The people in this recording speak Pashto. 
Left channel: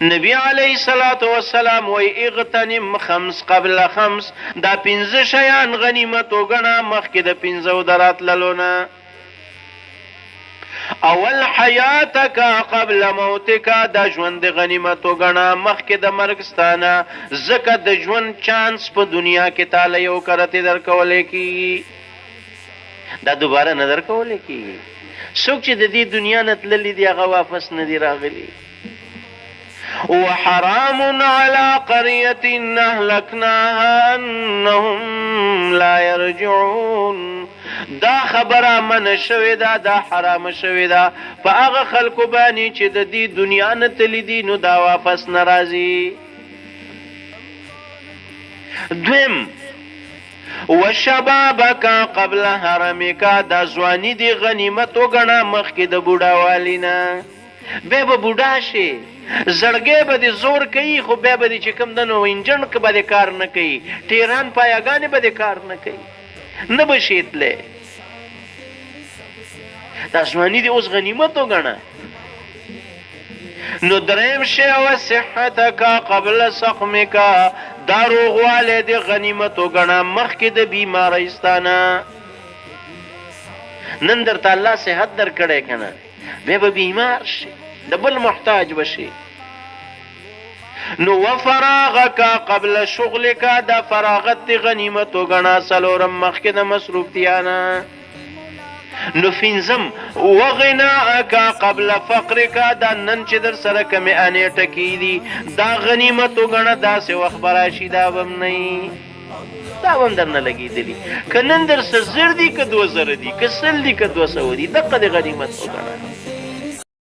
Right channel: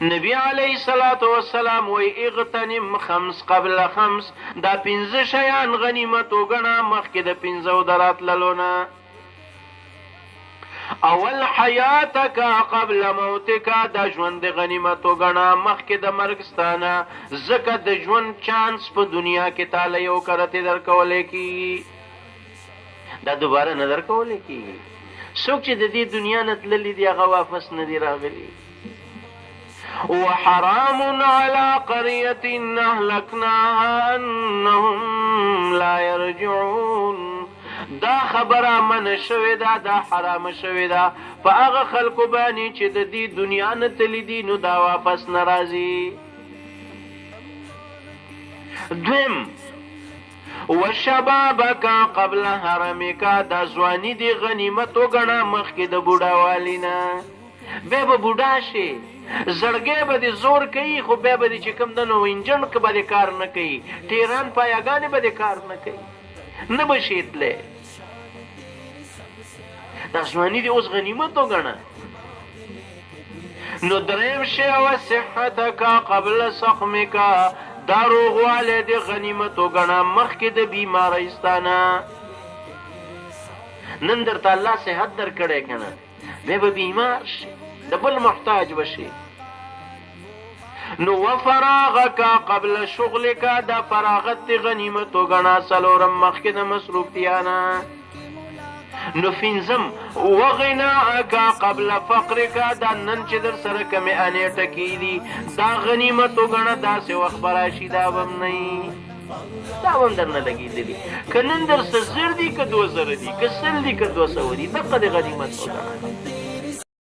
نبی علیه الصلاة والسلام وی اغتنم خمس قبل خمس، دا 5 شیان غنیمت وګڼه مخکې د 5 دراتللونه. اول حیاتک قبل موتک، دا ژوند غنیمت وګڼه مخکې د مرګ ستانه، ځکه د ژوند چانس په دنیا کې تعالی یو کرتې درکولی کېږي، دا دوباره نه درکولی کېږي. څوک چې د دې دنیا نه تللي دي هغه واپس نه دي راغلي. وحرام على قرية أهلكناها أنهم لا يرجعون، دا خبره من شوی دا، دا حرام شوی دا په هغه خلکو باندې چې د دې دنیا نه تللی دي نو دا واپس نه راځي. دویم وشبابک قبل حرمک، دا ځواني دی غنیمت وګڼه مخکې د بوډاوالي نه. بیا به بوډا شي، زړګی به دې زور کوي، خو بیا به دې چې کوم دنو انجن که به دې کار نه کوي، ټیران پایګانې به دې کار نه کوي، نه به شي تلی. دا ځواني دې اوس غنیمت وګڼه. نو دریم شی وصحتک قبل سقمک، دا روغوالی دې غنیمت وګڼه مخکې د بیمارۍ ستانه. نن درته الله صحت درکړی که نه، بیا به بیمار شي، د بل محتاج بشي. نو وفراغک قبل شغلک، دا فراغت دی غنیمت وګڼه څلورم مخکې د مصروفتیانه. نو پنځم وغناءک قبل فقرک، دا نن چې در سره کمې انې ټکي دي دا غنیمت وګڼه، داسې وخت به راشي دا به هم نه وي، دا به هم درنه لګېدلي. که نن در څه 1000 دي که 2000 دي که 100 دي که 200 دي، دقه د غنیمت وګڼه.